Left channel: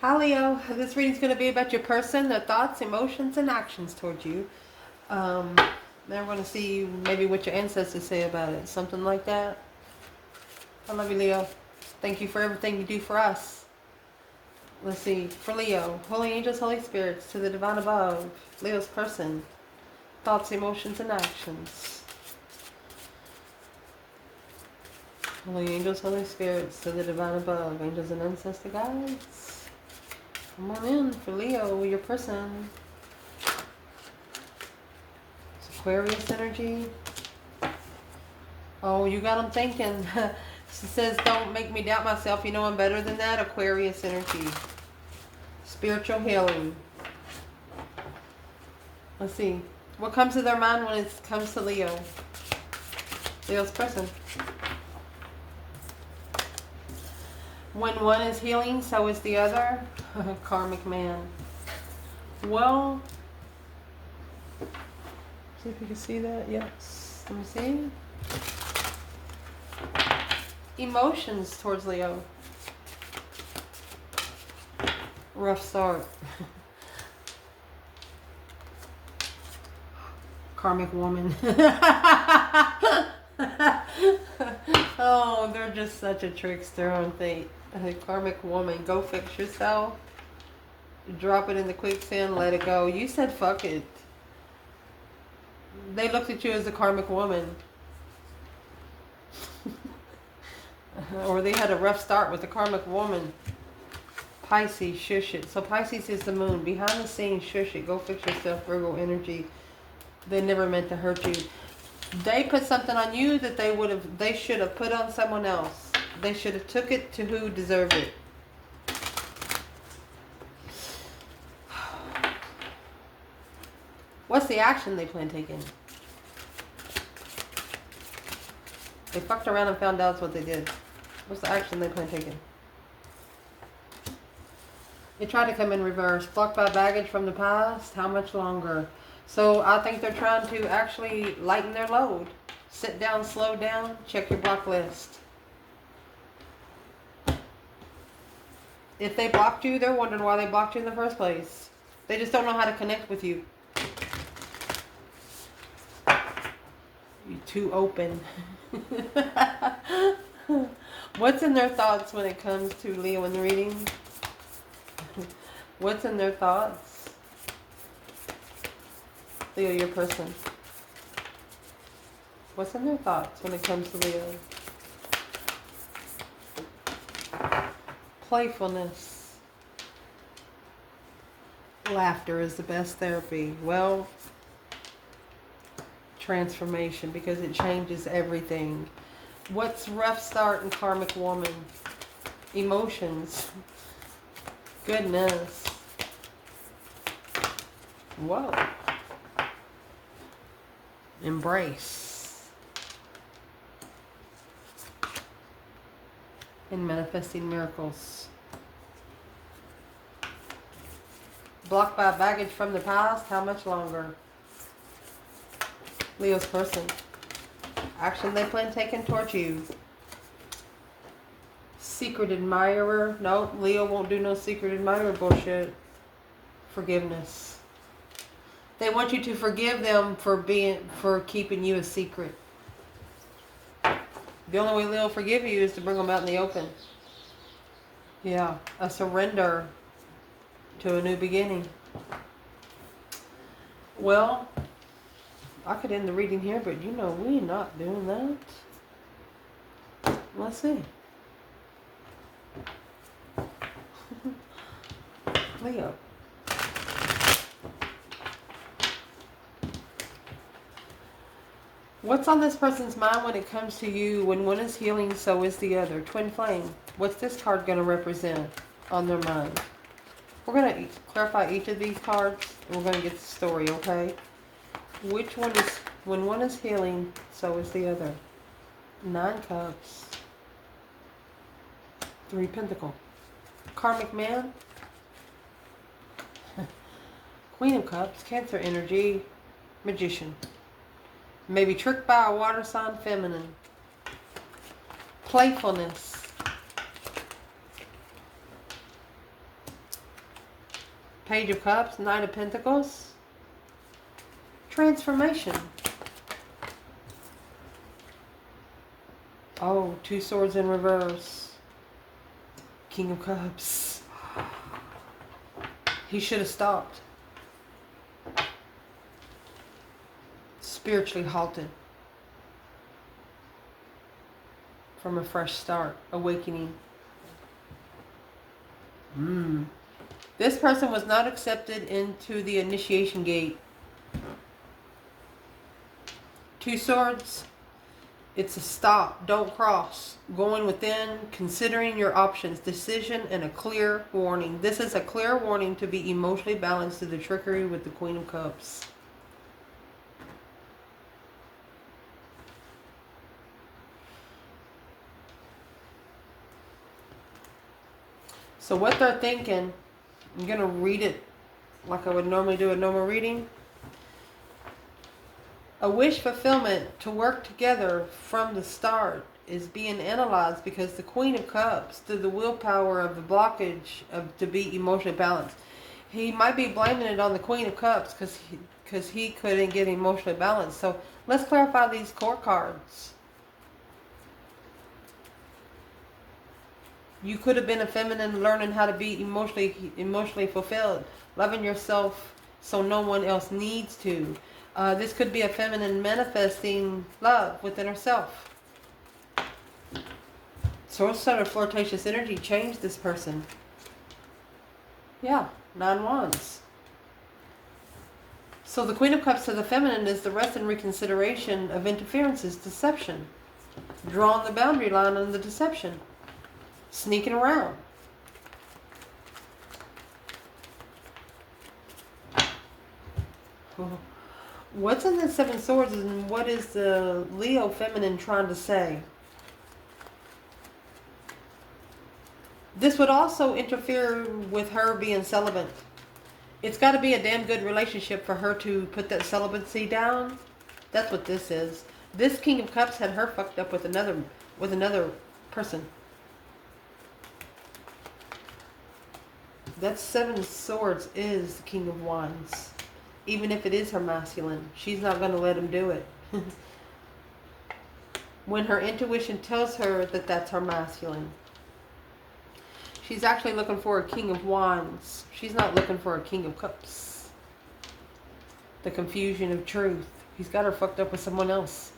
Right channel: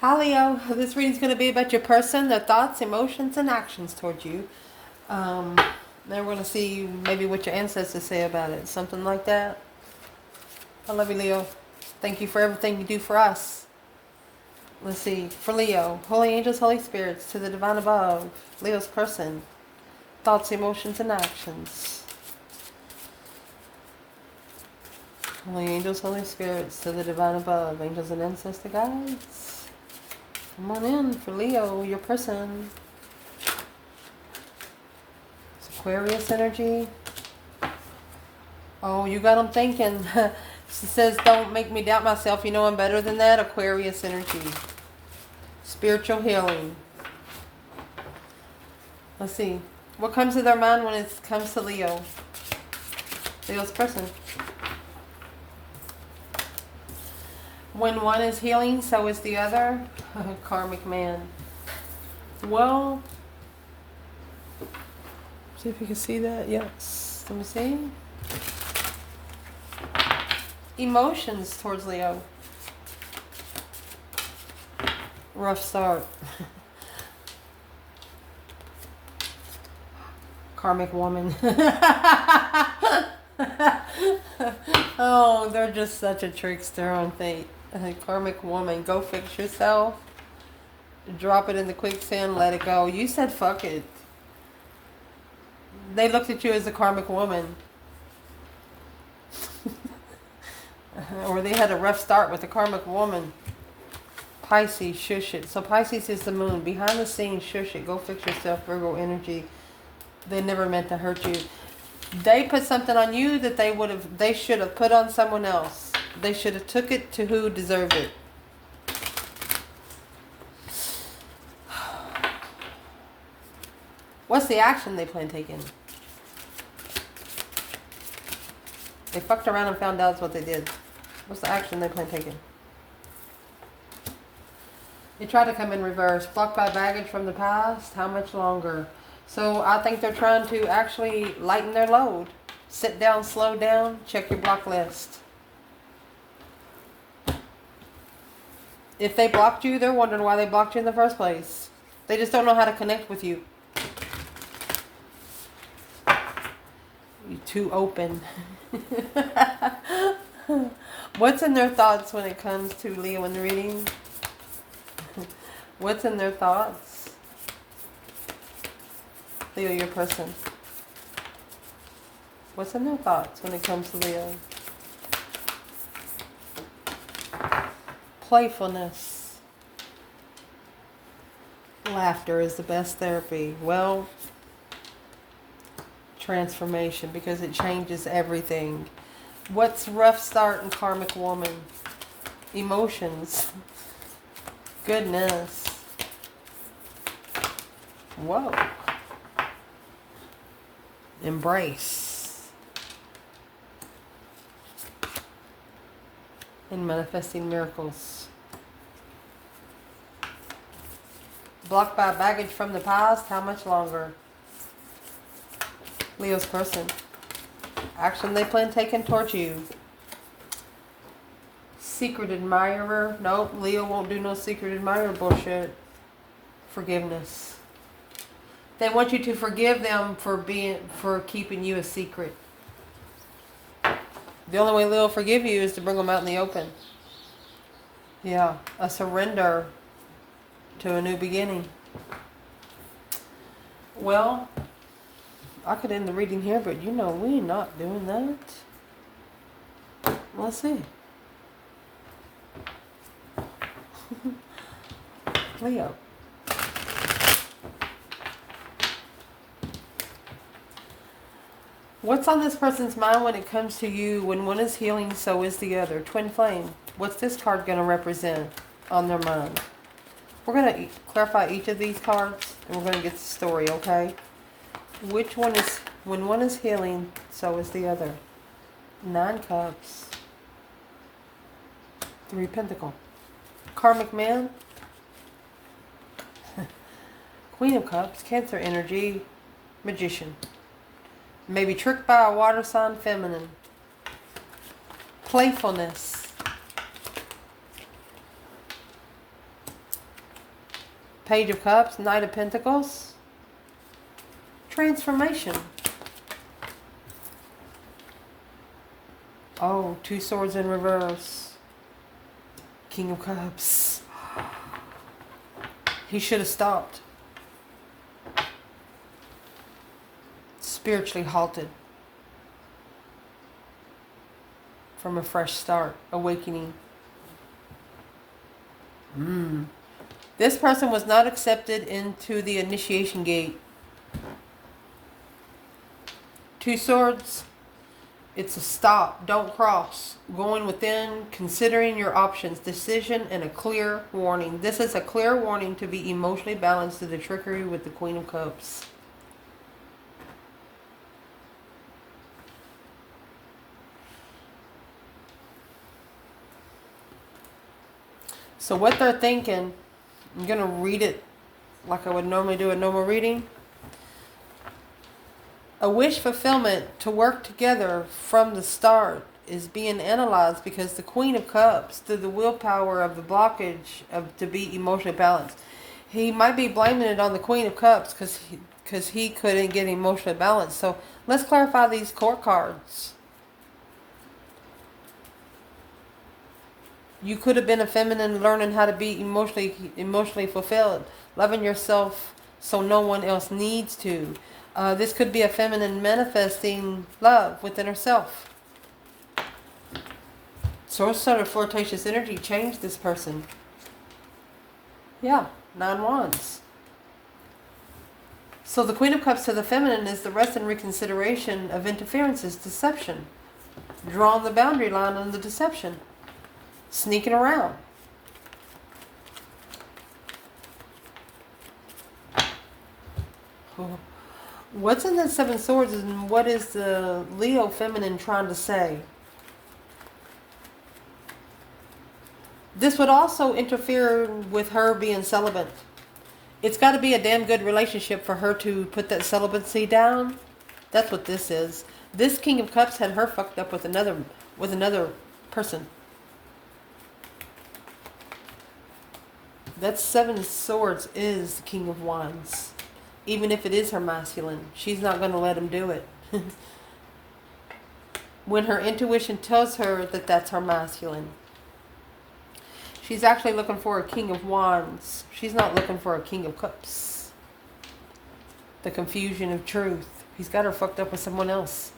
Hi Leo, this reading's going to be about your person, their thoughts, emotions, and actions towards you. Then we're going to see maybe what your ancestors say about it, something like that. I love you, Leo. Thank you for everything you do for us. Let's see, for Leo, holy angels, holy spirits, to the divine above, Leo's person, thoughts, emotions, and actions. Holy angels, holy spirits, to the divine above, angels and ancestor guides. Come on in for Leo, your person. It's Aquarius energy. Oh, you got them thinking. She says, don't make me doubt myself. You know I'm better than that. Aquarius energy. Spiritual healing. Let's see. What comes to their mind when it comes to Leo? Leo's person. When one is healing, so is the other. Karmic man. Well, see if you can see that. Yes. Let me see. Emotions towards Leo. Rough start. Karmic woman. Oh, they're just such a trickster, aren't they? Karmic woman. Go fix yourself. Drop it in the quicksand. Let it go. You said fuck it. They looked at you as a karmic woman. Or they had a rough start with a karmic woman. Pisces, shush it. So Pisces is the moon. Behind the scenes, shush it. Go fix yourself. Virgo energy. They never meant to hurt you. They put something on you that they should have put on someone else. They should have took it to who deserved it. What's the action they plan taking? They fucked around and found out what they did. What's the action they plan taking? They tried to come in reverse. Blocked by baggage from the past. How much longer? So I think they're trying to actually lighten their load. Sit down, slow down, check your block list. If they blocked you, they're wondering why they blocked you in the first place. They just don't know how to connect with you. You're too open. What's in their thoughts when it comes to Leo in the reading? What's in their thoughts? Leo, your person. What's in their thoughts when it comes to Leo? Playfulness. Laughter is the best therapy. Well, transformation, because it changes everything. What's rough start in karmic woman? Emotions. Goodness. Whoa. Embrace. And manifesting miracles. Blocked by baggage from the past. How much longer? Leo's person. Action they plan taking towards you. Secret admirer. Nope, Leo won't do no secret admirer bullshit. Forgiveness. They want you to forgive them for keeping you a secret. The only way Leo will forgive you is to bring them out in the open. Yeah, a surrender to a new beginning. Well, I could end the reading here, but you know we're not doing that. Let's see. Leo. What's on this person's mind when it comes to you? When one is healing, so is the other. Twin flame. What's this card going to represent on their mind? We're going to clarify each of these cards, and we're going to get the story, okay? Which one is, when one is healing, so is the other. 9 cups. 3 pentacle. Karmic man. Queen of cups. Cancer energy. Magician. Maybe tricked by a water sign, feminine. Playfulness. Page of Cups, Knight of Pentacles. Transformation. Oh, 2 swords in reverse. King of Cups. He should have stopped. Spiritually halted. From a fresh start. Awakening. This person was not accepted into the initiation gate. 2 swords. It's a stop. Don't cross. Going within, considering your options, decision, and a clear warning. This is a clear warning to be emotionally balanced to the trickery with the Queen of Cups. So what they're thinking, I'm going to read it like I would normally do a normal reading. A wish fulfillment to work together from the start is being analyzed because the Queen of Cups, through the willpower of the blockage of to be emotionally balanced, he might be blaming it on the Queen of Cups because he couldn't get emotionally balanced. So let's clarify these court cards. You could have been a feminine learning how to be emotionally fulfilled, loving yourself so no one else needs to. This could be a feminine manifesting love within herself. So sort of flirtatious energy changed this person. Yeah, 9 wands. So the Queen of Cups to the feminine is the rest and reconsideration of interferences, deception. Drawing the boundary line on the deception. Sneaking around. What's in the 7 swords and what is the Leo feminine trying to say? This would also interfere with her being celibate. It's got to be a damn good relationship for her to put that celibacy down. That's what this is. This King of Cups had her fucked up with another person. That 7 swords is the King of Wands. Even if it is her masculine, she's not going to let him do it. When her intuition tells her that that's her masculine. She's actually looking for a King of Wands. She's not looking for a King of Cups. The confusion of truth. He's got her fucked up with someone else.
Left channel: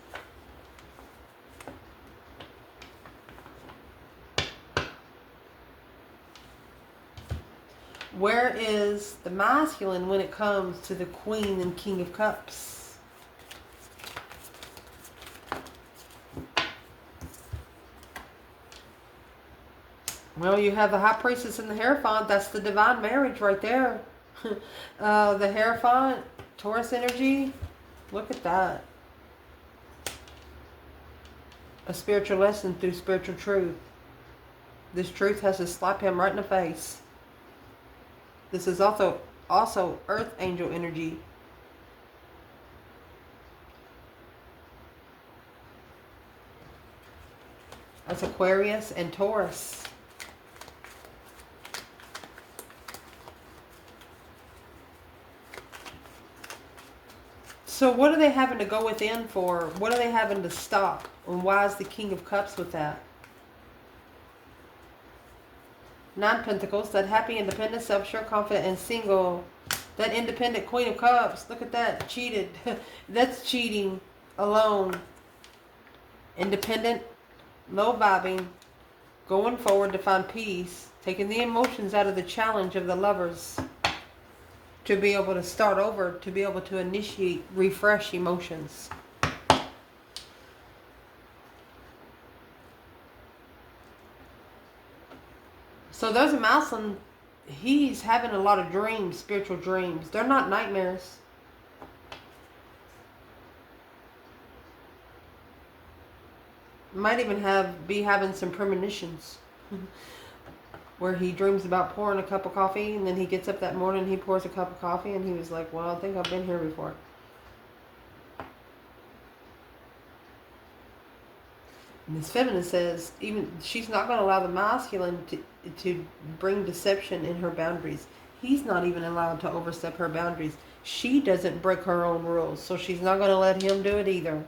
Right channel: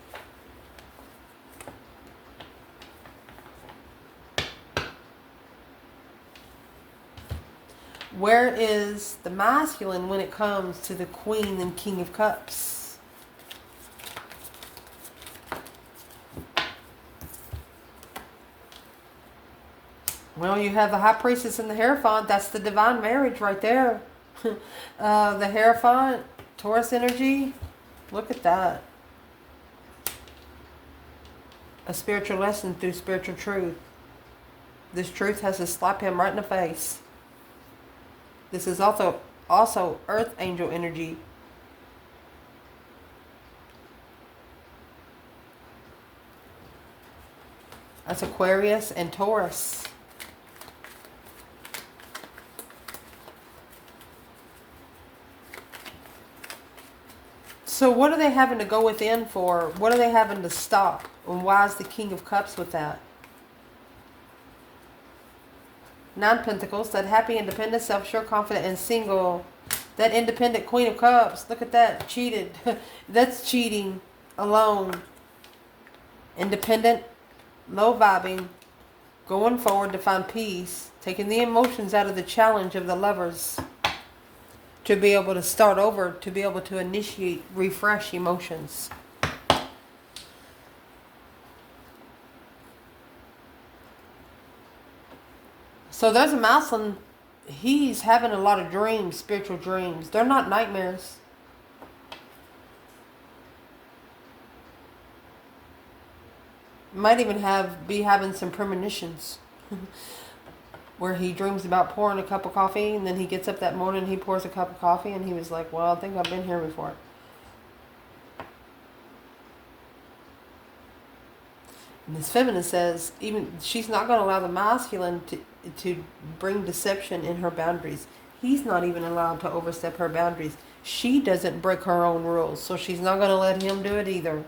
Where is the masculine when it comes to the Queen and King of Cups? Well, you have the High Priestess and the Hierophant. That's the divine marriage right there. The Hierophant, Taurus energy. Look at that. A spiritual lesson through spiritual truth. This truth has to slap him right in the face. This is also Earth Angel energy. That's Aquarius and Taurus. So what are they having to go within for? What are they having to stop? And why is the King of Cups with that? 9 Pentacles, that happy, independent, self-sure, confident, and single. That independent Queen of Cups, look at that, cheated. That's cheating alone. Independent, low vibing, going forward to find peace, taking the emotions out of the challenge of the lovers to be able to start over, to be able to initiate, refresh emotions. So there's a masculine, he's having a lot of dreams, spiritual dreams. They're not nightmares. Might even be having some premonitions. Where he dreams about pouring a cup of coffee, and then he gets up that morning and he pours a cup of coffee, and he was like, well, I think I've been here before. And this feminine says, even she's not going to allow the masculine to bring deception in her boundaries. He's not even allowed to overstep her boundaries. She doesn't break her own rules, so she's not going to let him do it either.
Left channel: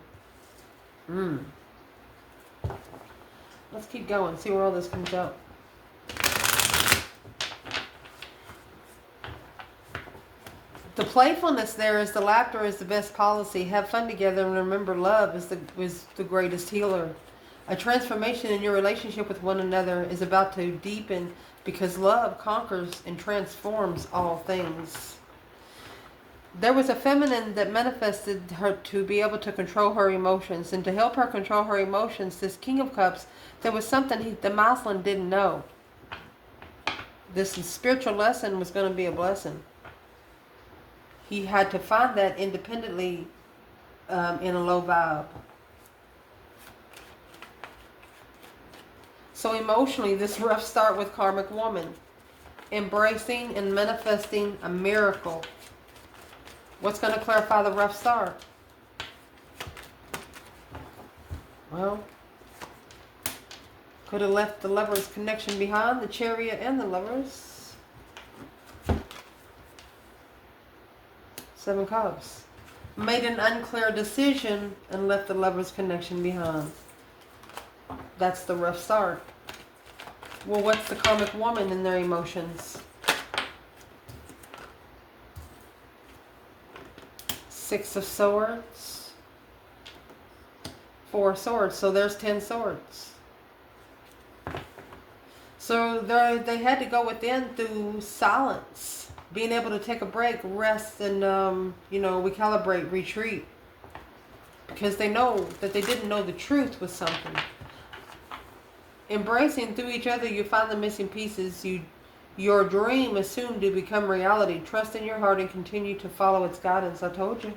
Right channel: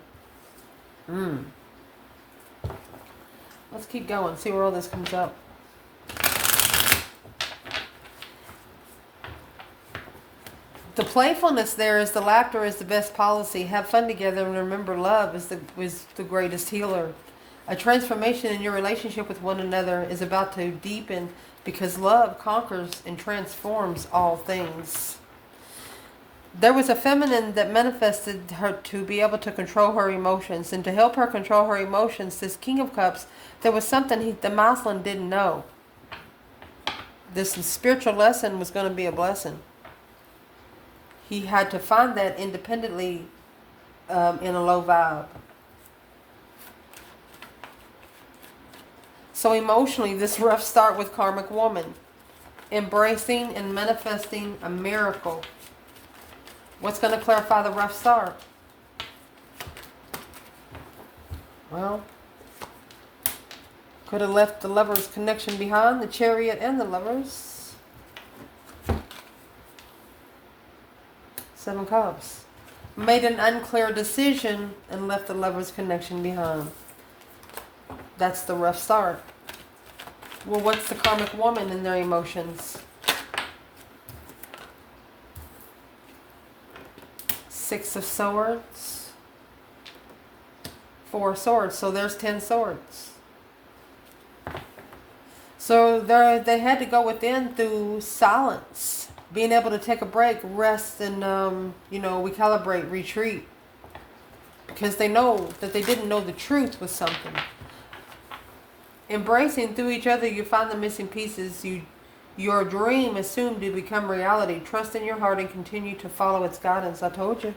Let's keep going, see where all this comes up. The playfulness there is the laughter is the best policy. Have fun together and remember love is the greatest healer. A transformation in your relationship with one another is about to deepen because love conquers and transforms all things. There was a feminine that manifested her to be able to control her emotions, and to help her control her emotions, this King of Cups, there was something the masculine didn't know. This spiritual lesson was going to be a blessing. He had to find that independently in a low vibe. So emotionally, this rough start with karmic woman, embracing and manifesting a miracle. What's going to clarify the rough start? Well, could have left the Lovers connection behind, the Chariot and the Lovers. 7 Cups. Made an unclear decision and left the Lovers connection behind. That's the rough start. Well, what's the karmic woman in their emotions? 6 of Swords. 4 Swords. So there's 10 swords. So they had to go within through silence. Being able to take a break, rest, and, recalibrate, retreat. Because they know that they didn't know the truth was something. Embracing through each other, you find the missing pieces. Your dream is soon to become reality. Trust in your heart and continue to follow its guidance. I told you.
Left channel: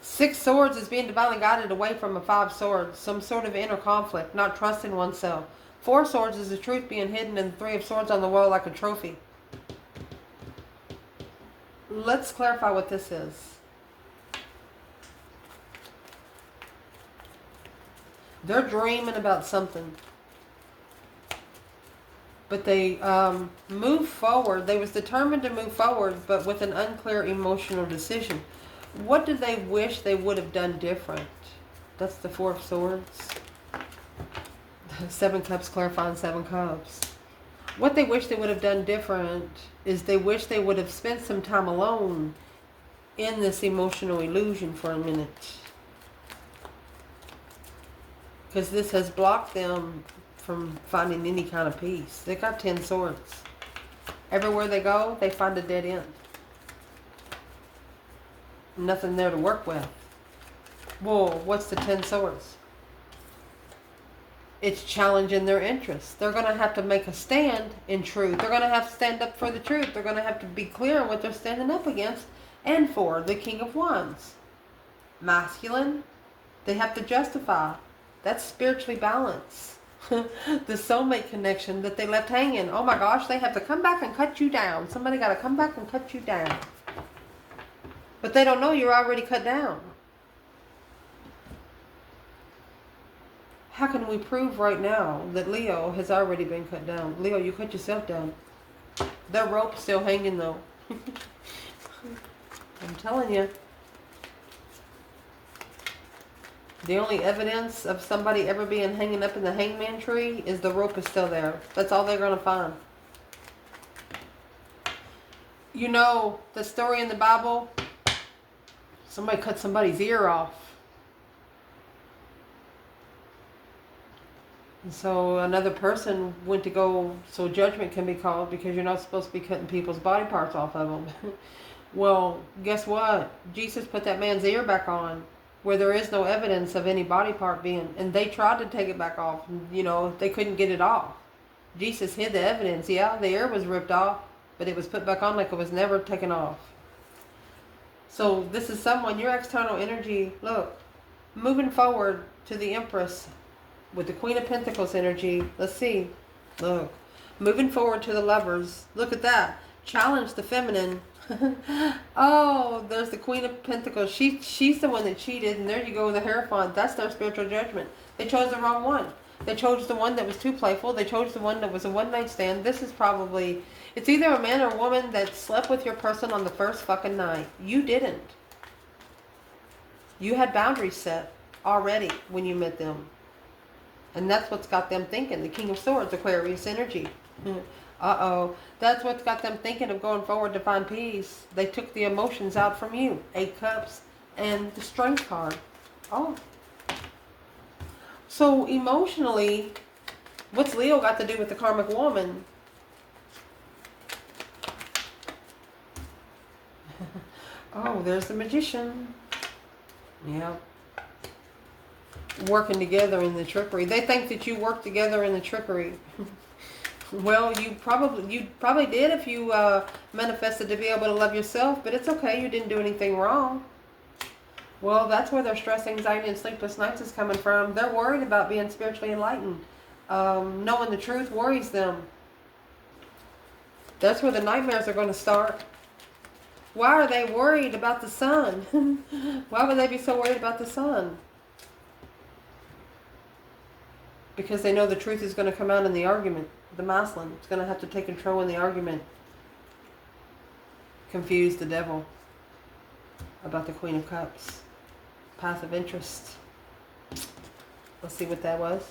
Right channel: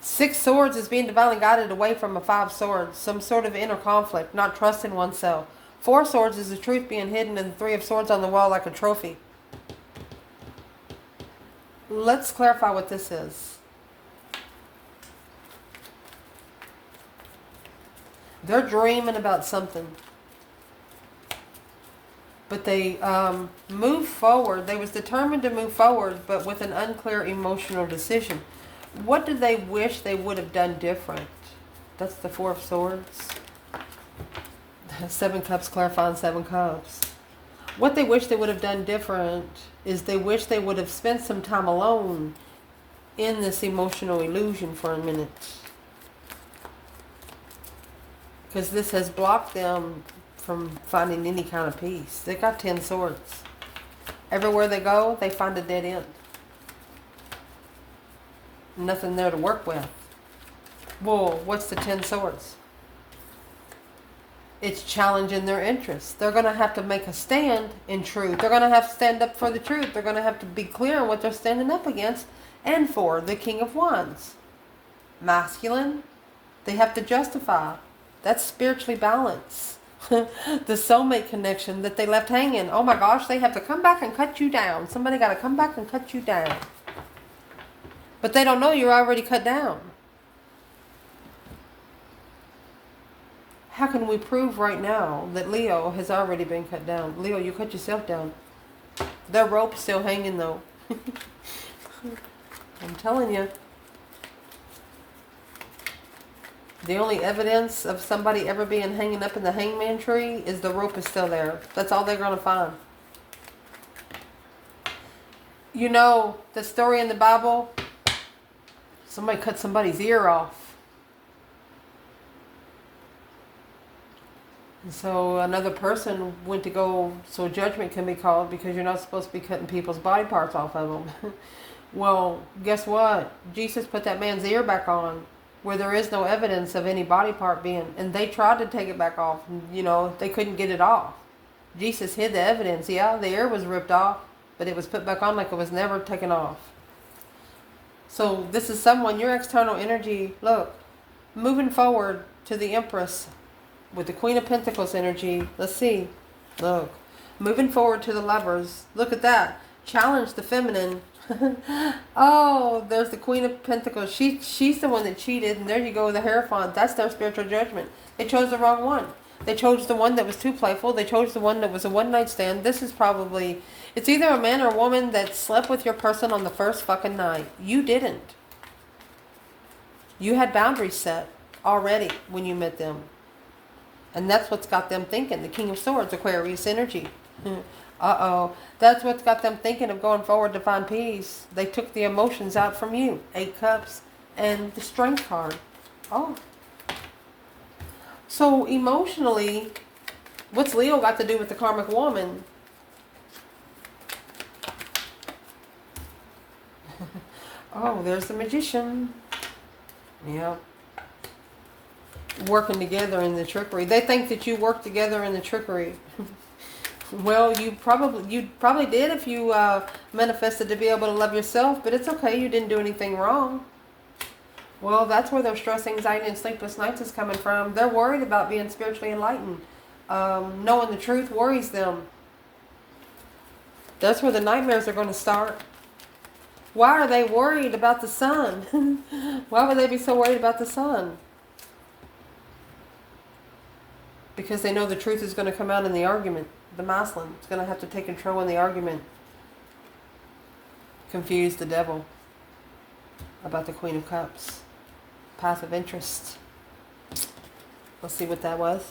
6 Swords is being divinely guided away from a 5 Swords. Some sort of inner conflict, not trusting oneself. 4 Swords is the truth being hidden, and the 3 of Swords on the wall like a trophy. Let's clarify what this is. They're dreaming about something. But they moved forward. They was determined to move forward, but with an unclear emotional decision. What did they wish they would have done different? That's the 4 of Swords. 7 Cups clarifying 7 Cups. What they wish they would have done different is they wish they would have spent some time alone in this emotional illusion for a minute. Because this has blocked them from finding any kind of peace. They got 10 swords. Everywhere they go, they find a dead end. Nothing there to work with. Well, what's the 10 swords? It's challenging their interests. They're going to have to make a stand in truth. They're going to have to stand up for the truth. They're going to have to be clear on what they're standing up against and for. The King of Wands. Masculine. They have to justify. That's spiritually balanced. The soulmate connection that they left hanging. Oh my gosh, they have to come back and cut you down. Somebody got to come back and cut you down. But they don't know you're already cut down. How can we prove right now that Leo has already been cut down? Leo, you cut yourself down. Their rope's still hanging though. I'm telling you. The only evidence of somebody ever being hanging up in the hangman tree is the rope is still there. That's all they're going to find. You know, the story in the Bible, somebody cut somebody's ear off. And so another person went to go, so judgment can be called because you're not supposed to be cutting people's body parts off of them. Well, guess what? Jesus put that man's ear back on, where there is no evidence of any body part being, and they tried to take it back off, and, they couldn't get it off. Jesus hid the evidence. Yeah, the ear was ripped off, but it was put back on like it was never taken off. So this is someone, your external energy, look, moving forward to the Empress with the Queen of Pentacles energy. Let's see. Look, moving forward to the Lovers. Look at that. Challenge the feminine. Oh, there's the Queen of Pentacles. She's the one that cheated, and there you go, the Hierophant. That's their spiritual judgment. They chose the wrong one. They chose the one that was too playful. They chose the one that was a one-night stand. This is probably, it's either a man or a woman that slept with your person on the first fucking night. You didn't. You had boundaries set already when you met them. And that's what's got them thinking. The King of Swords, Aquarius energy. Uh-oh. That's what's got them thinking of going forward to find peace. They took the emotions out from you. 8 Cups and the Strength card. Oh. So emotionally, what's Leo got to do with the karmic woman? Oh, there's the Magician. Yeah. Working together in the trickery. They think that you work together in the trickery. Well, you probably did if you manifested to be able to love yourself, but it's okay. You didn't do anything wrong. Well, that's where their stress, anxiety, and sleepless nights is coming from. They're worried about being spiritually enlightened. Knowing the truth worries them. That's where the nightmares are going to start. Why are they worried about the sun? Why would they be so worried about the sun? Because they know the truth is going to come out in the argument. The masculine is going to have to take control in the argument. Confuse the devil about the Queen of Cups. Path of interest. Let's see what that was.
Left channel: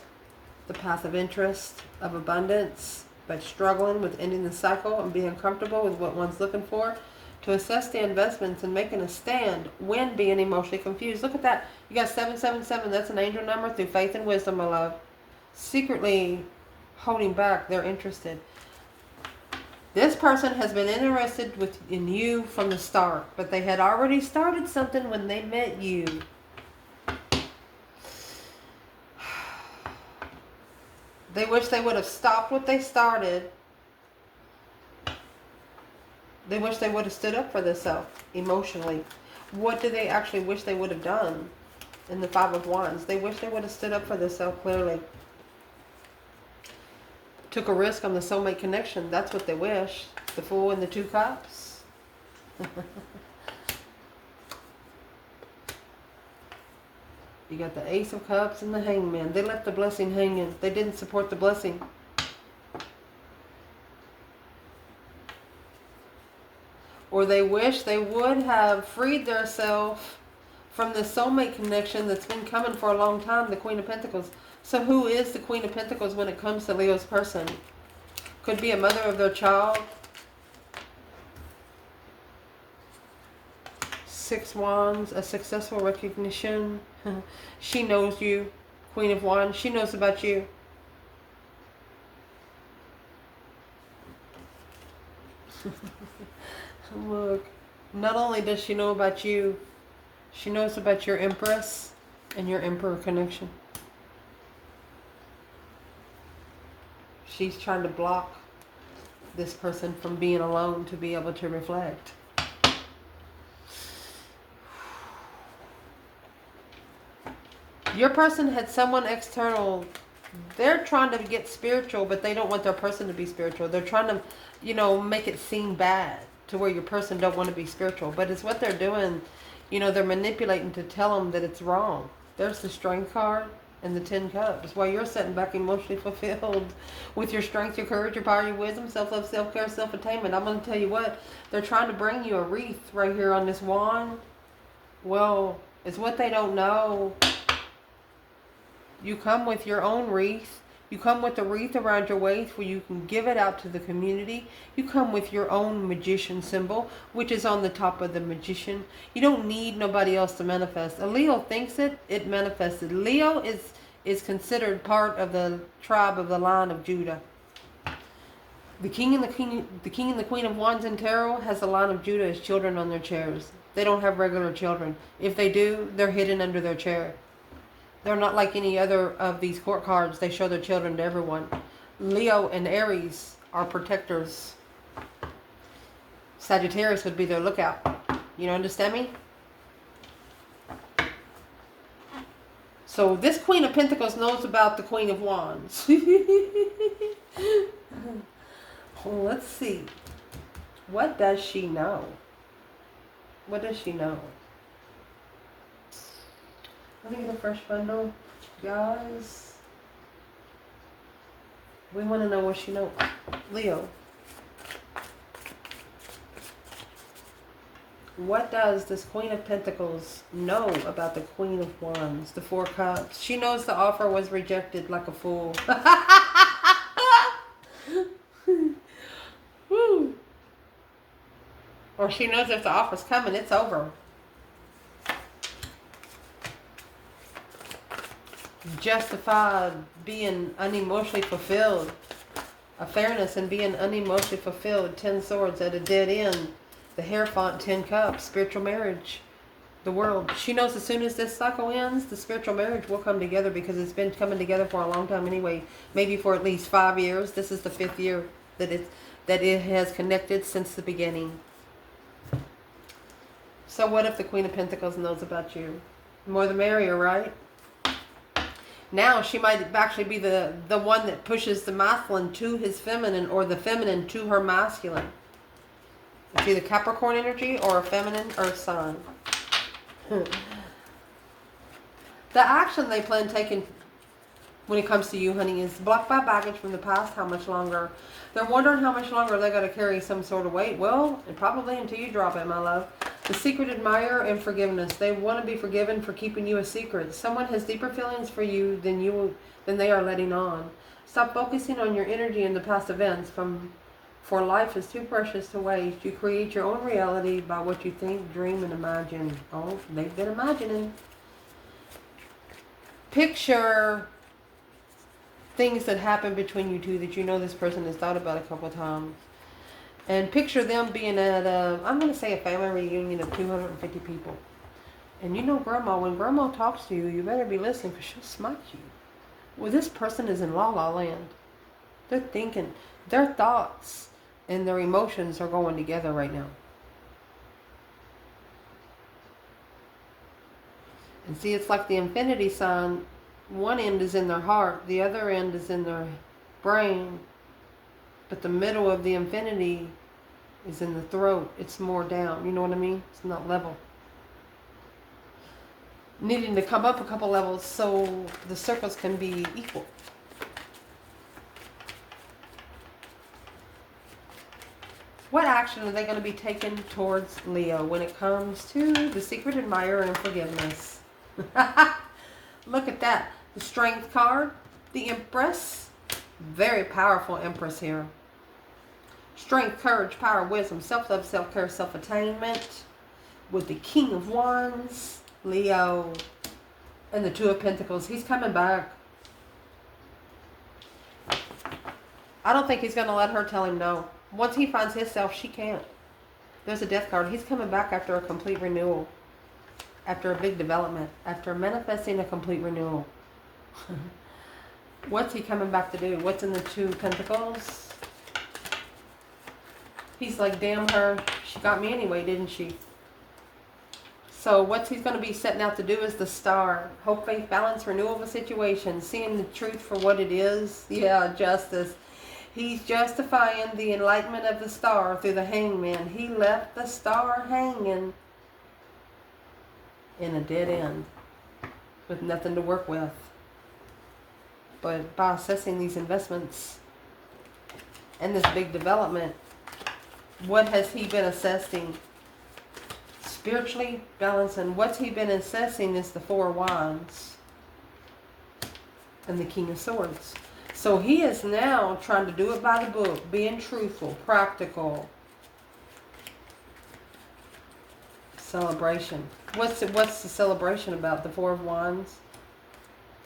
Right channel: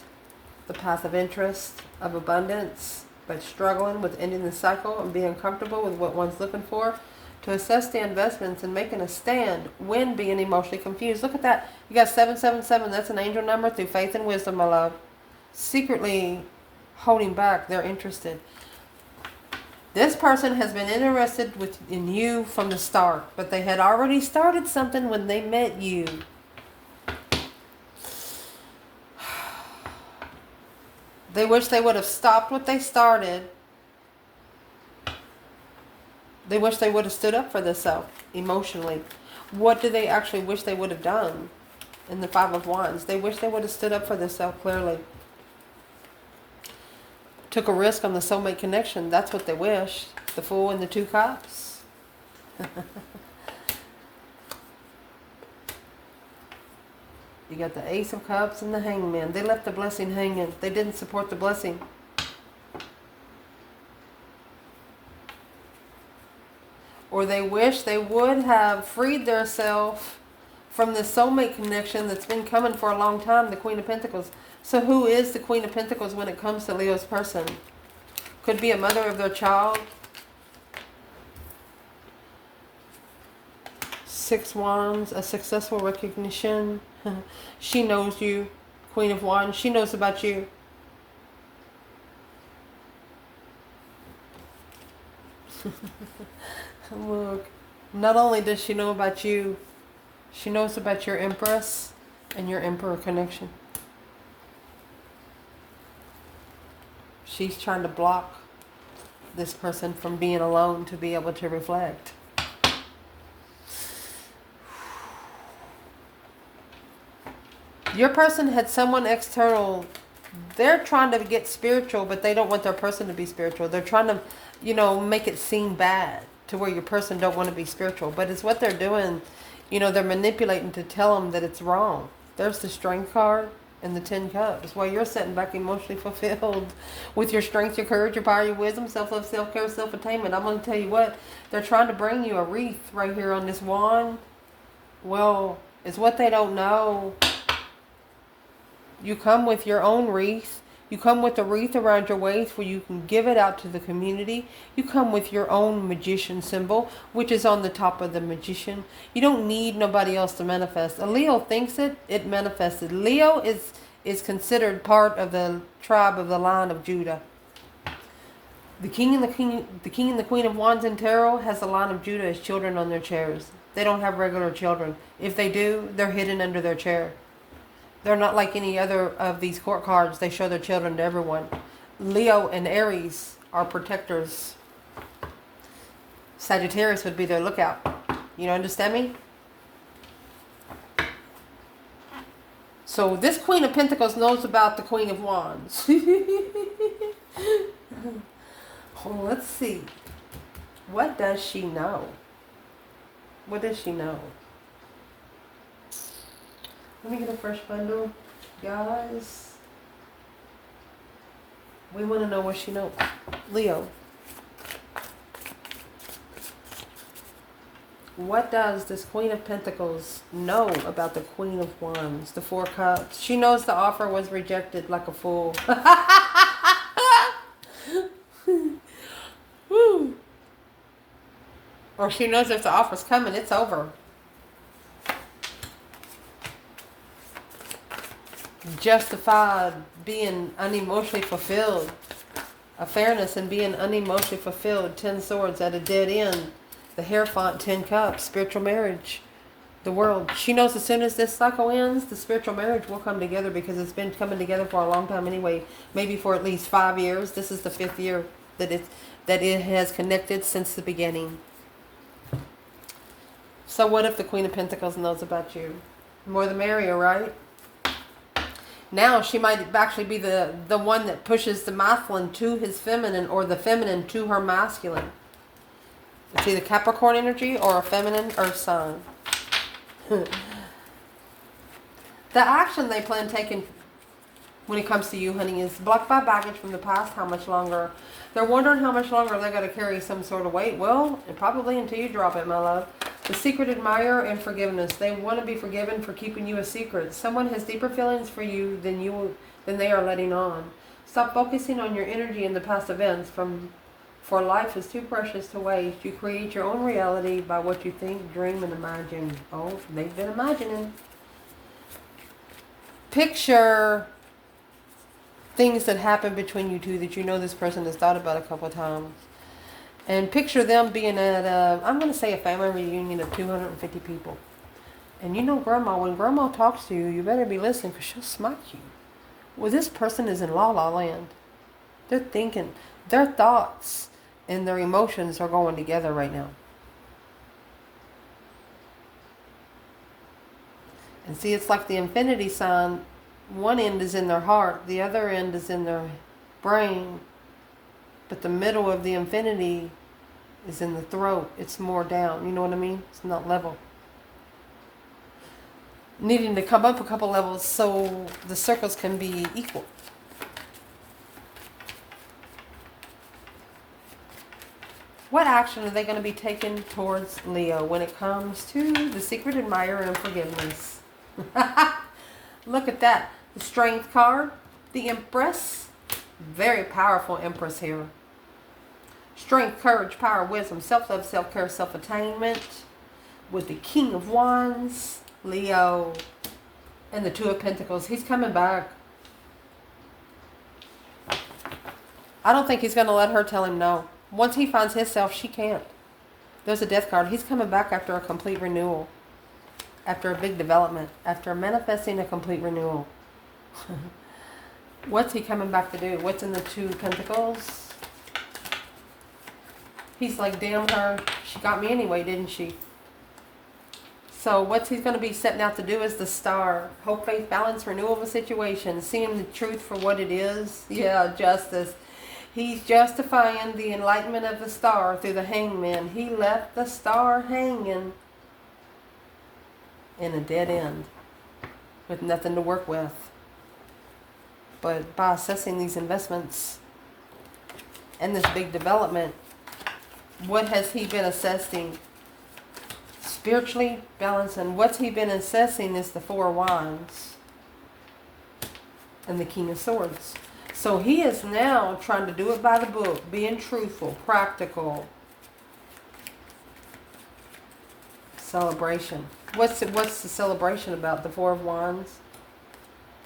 The path of interest, of abundance, but struggling with ending the cycle and being comfortable with what one's looking for. To assess the investments and making a stand when being emotionally confused. Look at that. You got 777. That's an angel number through faith and wisdom, my love. Secretly holding back. They're interested. This person has been interested in you from the start, but they had already started something when they met you. They wish they would have stopped what they started. They wish they would have stood up for themselves emotionally. What do they actually wish they would have done? In the 5 of Wands, they wish they would have stood up for themselves clearly. Took a risk on the soulmate connection. That's what they wish. The Fool and the 2 Cups. You got the Ace of Cups and the Hangman. They left the blessing hanging. They didn't support the blessing. Or they wish they would have freed themselves from the soulmate connection that's been coming for a long time, the Queen of Pentacles. So who is the Queen of Pentacles when it comes to Leo's person? Could be a mother of their child. 6 Wands, a successful recognition. She knows you, Queen of Wands. She knows about you. Look, not only does she know about you, she knows about your Empress and your Emperor connection. She's trying to block this person from being alone to be able to reflect. Your person had someone external. They're trying to get spiritual, but they don't want their person to be spiritual. They're trying to, make it seem bad to where your person don't want to be spiritual. But it's what they're doing. They're manipulating to tell them that it's wrong. There's the Strength card and the 10 Cups. While you're sitting back emotionally fulfilled with your strength, your courage, your power, your wisdom, self-love, self-care, self-attainment. I'm going to tell you what. They're trying to bring you a wreath right here on this wand. Well, it's what they don't know. You come with your own wreath. You come with a wreath around your waist where you can give it out to the community. You come with your own magician symbol, which is on the top of the magician. You don't need nobody else to manifest. A Leo thinks it manifested. Leo is considered part of the tribe of the line of Judah. The king and the queen of Wands in tarot has the line of Judah as children on their chairs. They don't have regular children. If they do, they're hidden under their chair. They're not like any other of these court cards. They show their children to everyone. Leo and Aries are protectors. Sagittarius would be their lookout. You understand me? So this Queen of Pentacles knows about the Queen of Wands. Well, let's see. What does she know? What does she know? Let me get the first bundle, guys. We want to know what she knows. Leo. What does this Queen of Pentacles know about the Queen of Wands, the Four Cups? She knows the offer was rejected like a fool. Woo. Or she knows if the offer's coming, it's over. Justified being unemotionally fulfilled. A fairness in being unemotionally fulfilled. 10 swords at a dead end. The Hierophant, 10 cups, spiritual marriage, the world. She knows as soon as this cycle ends, the spiritual marriage will come together because it's been coming together for a long time anyway. Maybe for at least 5 years. This is the 5th year that it has connected since the beginning. So what if the Queen of Pentacles knows about you? More the merrier, right? Now she might actually be the one that pushes the masculine to his feminine or the feminine to her masculine. It's either Capricorn energy or a feminine earth sign. The action they plan taking when it comes to you, honey, is blocked by baggage from the past. How much longer? They're wondering how much longer they're going to carry some sort of weight. Well, and probably until you drop it, my love. The secret admirer and forgiveness. They want to be forgiven for keeping you a secret. Someone has deeper feelings for you than they are letting on. Stop focusing on your energy in the past events for life is too precious to waste. You create your own reality by what you think, dream, and imagine. Oh, they've been imagining. Picture things that happen between you two that you know this person has thought about a couple of times. And picture them being at I'm going to say a family reunion of 250 people. And you know Grandma, when Grandma talks to you, you better be listening because she'll smack you. Well, this person is in la la land. They're thinking, their thoughts and their emotions are going together right now. And see, it's like the infinity sign. One end is in their heart, the other end is in their brain. But the middle of the infinity is in the throat. It's more down. You know what I mean? It's not level. Needing to come up a couple levels so the circles can be equal. What action are they going to be taking towards Leo when it comes to the secret admirer and forgiveness? Look at that. The Strength card, the Empress. Very powerful Empress here. Strength, courage, power, wisdom, self-love, self-care, self-attainment. With the King of Wands, Leo, and the Two of Pentacles. He's coming back. I don't think he's going to let her tell him no. Once he finds himself, she can't. There's a Death card. He's coming back after a complete renewal. After a big development. After manifesting a complete renewal. What's he coming back to do? What's in the Two of Pentacles? He's like, damn her. She got me anyway, didn't she? So what's he's going to be setting out to do is the Star. Hope, faith, balance, renewal of a situation. Seeing the truth for what it is. Yeah, justice. He's justifying the enlightenment of the Star through the Hangman. He left the Star hanging in a dead end with nothing to work with. But by assessing these investments and this big development, what has he been assessing? Spiritually balancing. What's he been assessing is the Four of Wands and the King of Swords. So he is now trying to do it by the book, being truthful, practical. Celebration. What's the celebration about? The Four of Wands.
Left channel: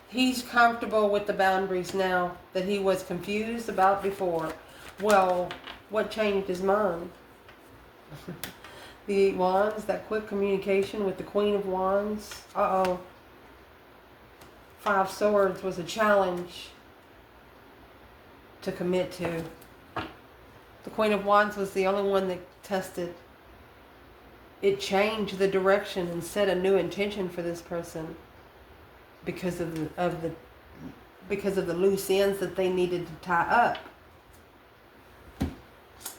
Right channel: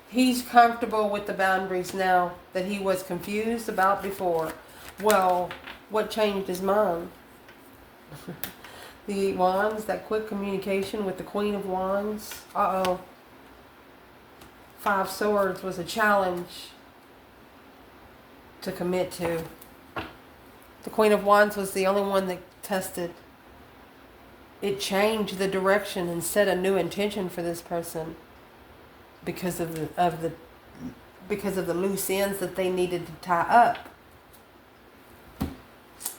He's comfortable with the boundaries now that he was confused about before. Well, what changed his mind? The Wands, that quick communication with the Queen of Wands. Uh-oh. Five Swords was a challenge to commit to. The Queen of Wands was the only one that tested. It changed the direction and set a new intention for this person because of the loose ends that they needed to tie up.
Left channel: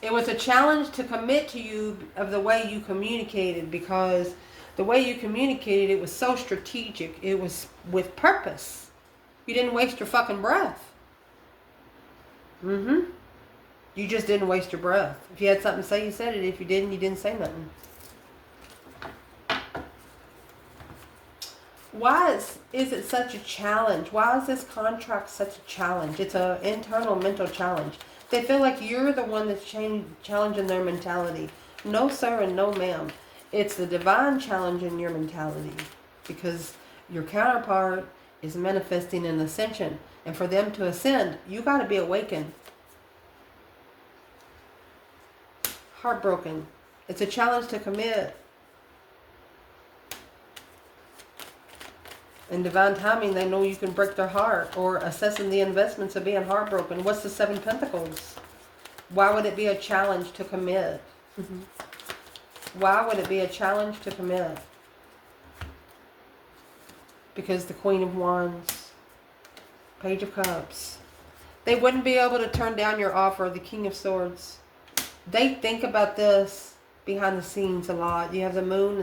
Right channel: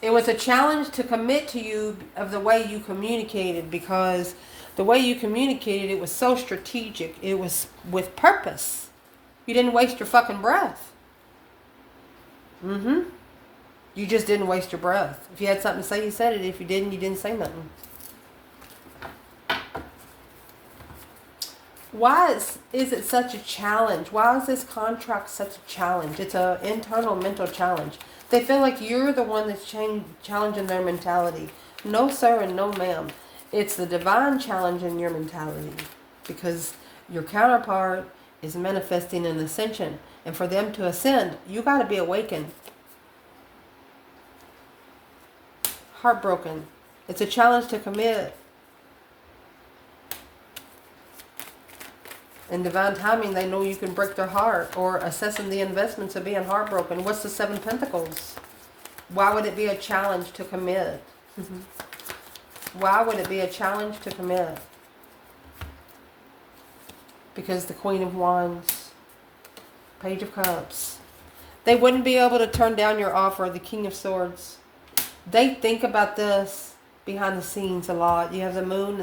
It was a challenge to commit to you of the way you communicated, because the way you communicated, it was so strategic. It was with purpose. You didn't waste your fucking breath. Mm-hmm. You just didn't waste your breath. If you had something to say, you said it. If you didn't, you didn't say nothing. Why is it such a challenge? Why is this contract such a challenge? It's an internal mental challenge. They feel like you're the one that's challenging their mentality. No, sir, and no, ma'am. It's the divine challenge in your mentality, because your counterpart is manifesting an ascension. And for them to ascend, you got to be awakened. Heartbroken. It's a challenge to commit. In divine timing, they know you can break their heart, or assessing the investments of being heartbroken. What's the Seven of Pentacles? Why would it be a challenge to commit? Why would it be a challenge to commit? Because the Queen of Wands, Page of Cups. They wouldn't be able to turn down your offer, the King of Swords. They think about this behind the scenes a lot. You have the Moon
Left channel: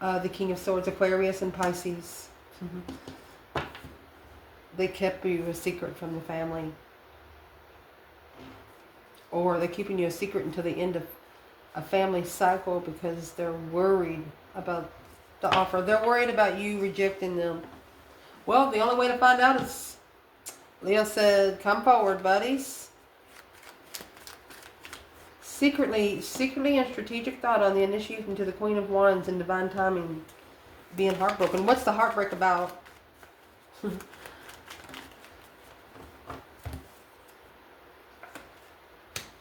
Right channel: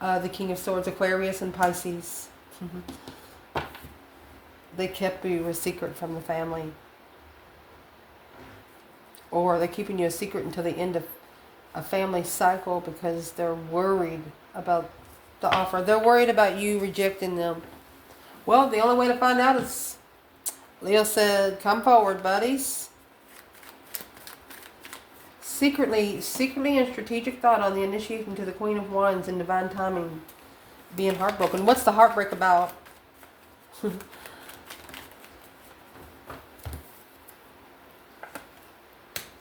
and the King of Swords, Aquarius and Pisces. They kept you a secret from the family. Or they're keeping you a secret until the end of a family cycle because they're worried about the offer. They're worried about you rejecting them. Well, the only way to find out is, Leo said, come forward, buddies. Secretly in strategic thought on the initiation to the Queen of Wands in divine timing, being heartbroken. What's the heartbreak about?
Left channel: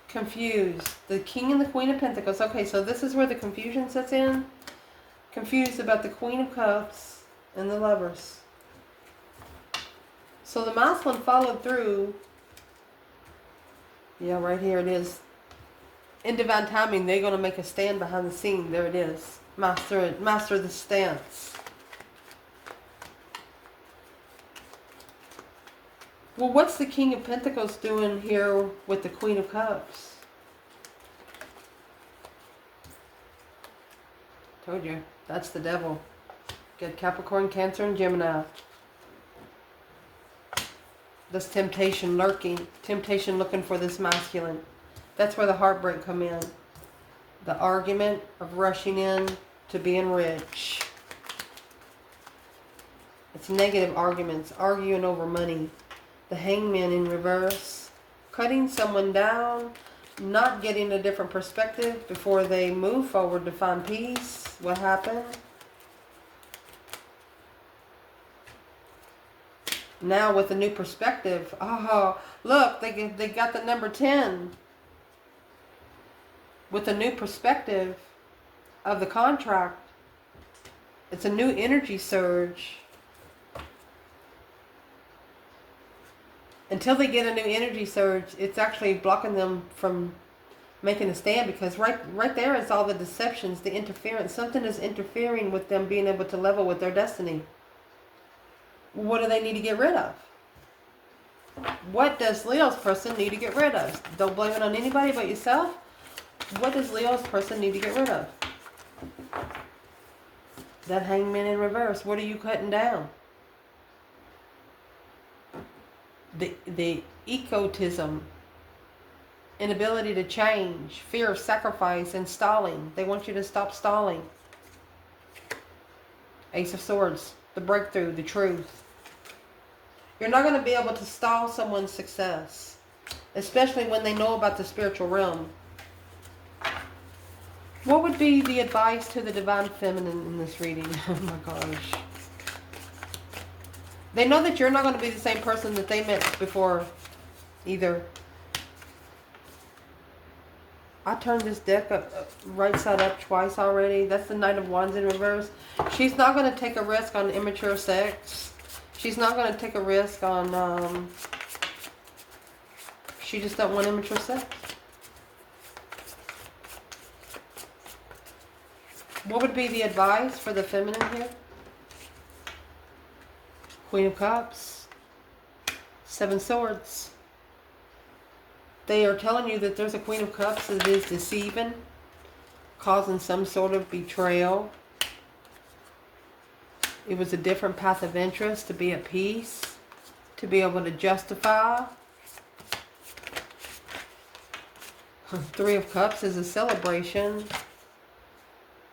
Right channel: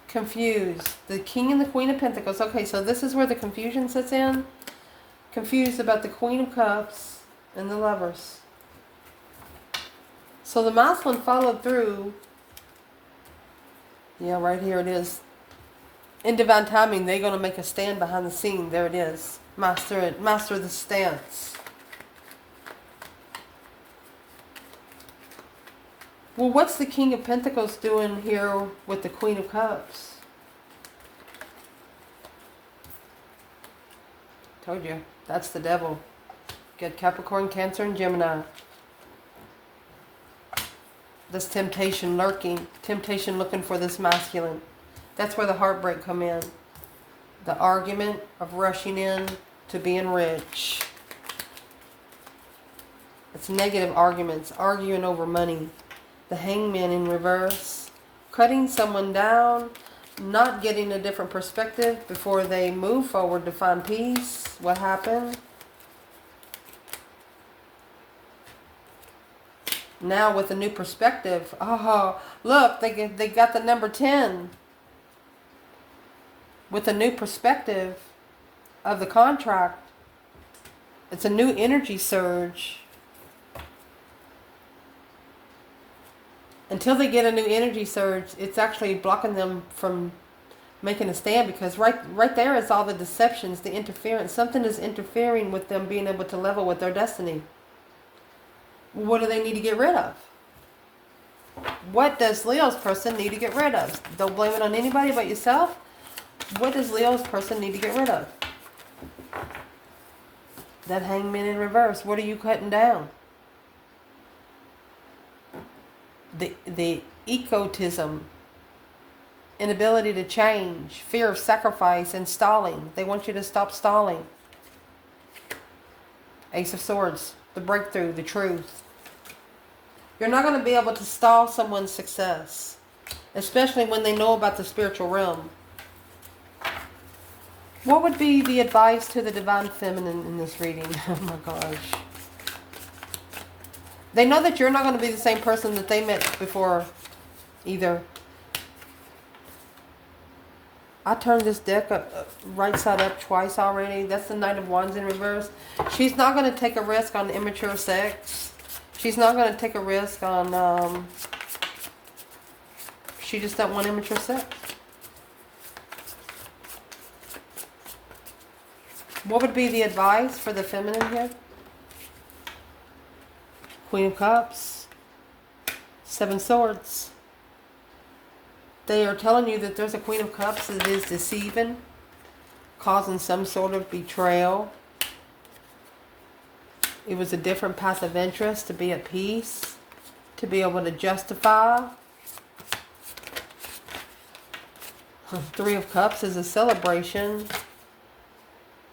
Confused. The King and the Queen of Pentacles. Okay, so this is where the confusion sets in. Confused about the Queen of Cups and the Lovers. So the masculine followed through. Yeah, right here it is. In divine timing, they're going to make a stand behind the scene. There it is. Master the stance. Well, what's the King of Pentacles doing here with the Queen of Cups? Told you. That's the devil. Get Capricorn, Cancer, and Gemini. This temptation lurking. Temptation looking for this masculine. That's where the heartbreak come in. The argument of rushing in to being rich. It's negative arguments. Arguing over money. The Hangman in reverse. Cutting someone down. Not getting a different perspective before they move forward to find peace. What happened? Now with a new perspective. Oh, look, they got the number 10. With a new perspective of the contract. It's a new energy surge. Until they get a new energy surge, it's actually blocking them from making a stand, because right there is all the deceptions, the interference. Something is interfering with them being able to level with their destiny. What do they need to get rid of? What does Leo's person need to get rid of? Don't blame it on anybody but yourself. What does Leo's person need to get rid of? That Hangman in reverse. What are you cutting down? The egotism, inability to change, fear of sacrifice, and stalling. They want you to stop stalling. Ace of Swords, the breakthrough, the truth. You're not going to be able to stall someone's success, especially when they know about the spiritual realm. What would be the advice to the Divine Feminine in this reading? Oh my gosh. They know that you're not going to be the same person that they met before either. I turned this deck up, right side up twice already. That's the Knight of Wands in reverse. She's not going to take a risk on immature sex. She's not going to take a risk on, she just don't want immature sex. What would be the advice for the feminine here? Queen of Cups, Seven Swords. They are telling you that there's a Queen of Cups that is deceiving, causing some sort of betrayal. It was a different path of interest to be at peace, to be able to justify. Three of Cups is a celebration.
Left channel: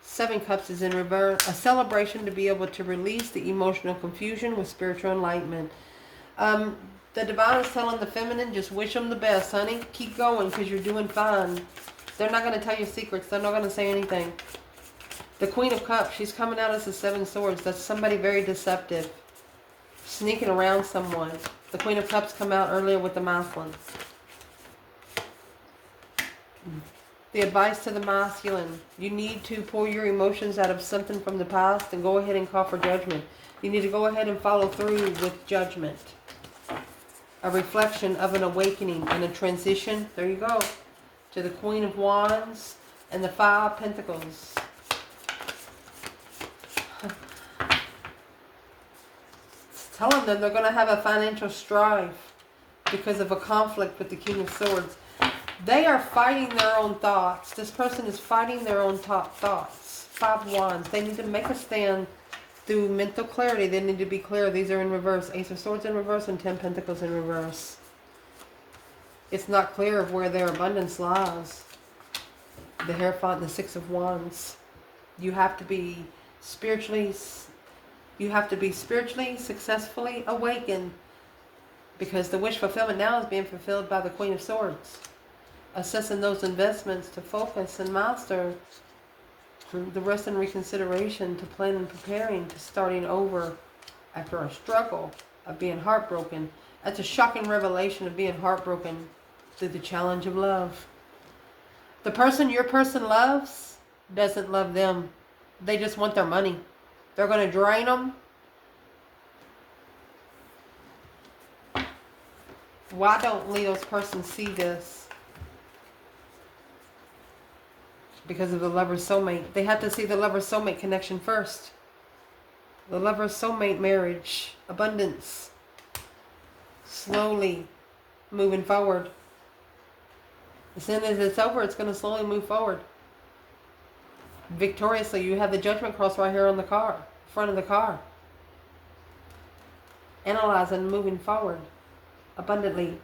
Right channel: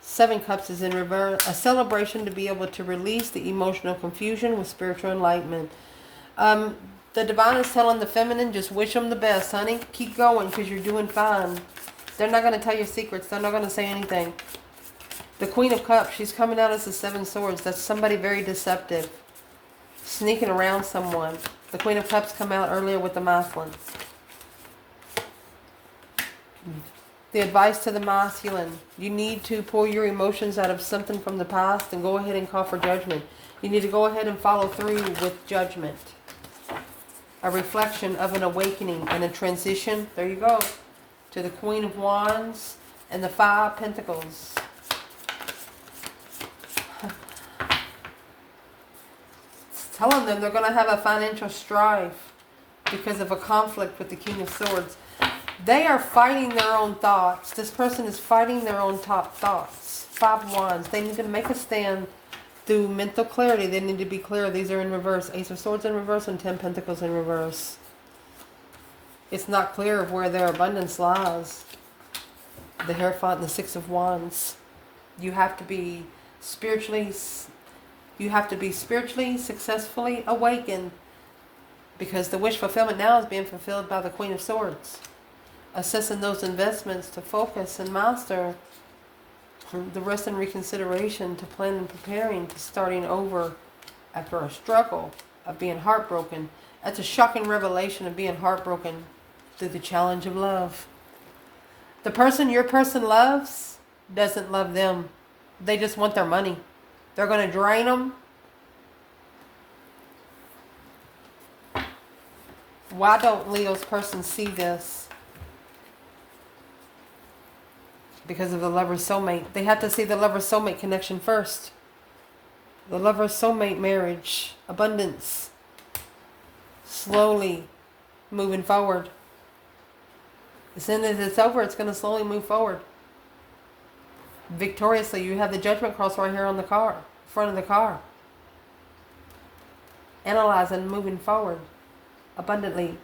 Seven Cups is in reverse. A celebration to be able to release the emotional confusion with spiritual enlightenment. The divine is telling the feminine, just wish them the best, honey. Keep going because you're doing fine. They're not going to tell you secrets. They're not going to say anything. The Queen of Cups, she's coming out as the Seven Swords. That's somebody very deceptive. Sneaking around someone. The Queen of Cups come out earlier with the masculine. The advice to the masculine. You need to pull your emotions out of something from the past and go ahead and call for judgment. You need to go ahead and follow through with judgment. A reflection of an awakening and a transition. There you go. To the Queen of Wands and the Five of Pentacles. It's telling them they're going to have a financial strife because of a conflict with the King of Swords. They are fighting their own thoughts. This person is fighting their own top thoughts. Five of Wands. They need to make a stand through mental clarity. They need to be clear. These are in reverse. Ace of Swords in reverse and 10 Pentacles in reverse. It's not clear of where their abundance lies. The Hierophant and the Six of Wands. You have to be spiritually successfully awakened, because the wish fulfillment now is being fulfilled by the Queen of Swords. Assessing those investments to focus and master. The rest in reconsideration to plan and preparing to starting over after a struggle of being heartbroken. That's a shocking revelation of being heartbroken through the challenge of love. The person your person loves doesn't love them. They just want their money. They're going to drain them. Why don't Leo's person see this? Because of the lover's soulmate. They have to see the lover's soulmate connection first. The lover's soulmate marriage. Abundance. Slowly moving forward. As soon as it's over, it's going to slowly move forward. Victoriously. You have the Judgment cross right here on the car. Front of the car. Analyzing, moving forward. Abundantly.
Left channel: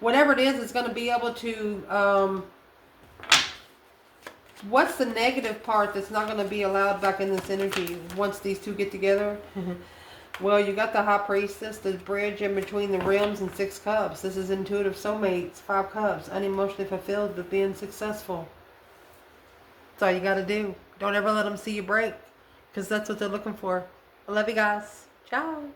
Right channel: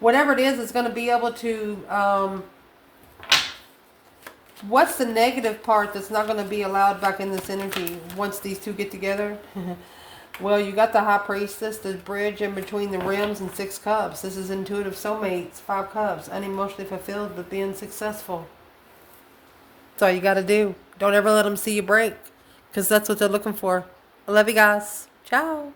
Whatever it is, it's going to be able to... what's the negative part that's not going to be allowed back in this energy once these two get together? Well, you got the High Priestess, the bridge in between the realms, and 6 Cups. This is intuitive soulmates, 5 Cups, unemotionally fulfilled but being successful. That's all you got to do. Don't ever let them see you break, because that's what they're looking for. I love you guys. Ciao.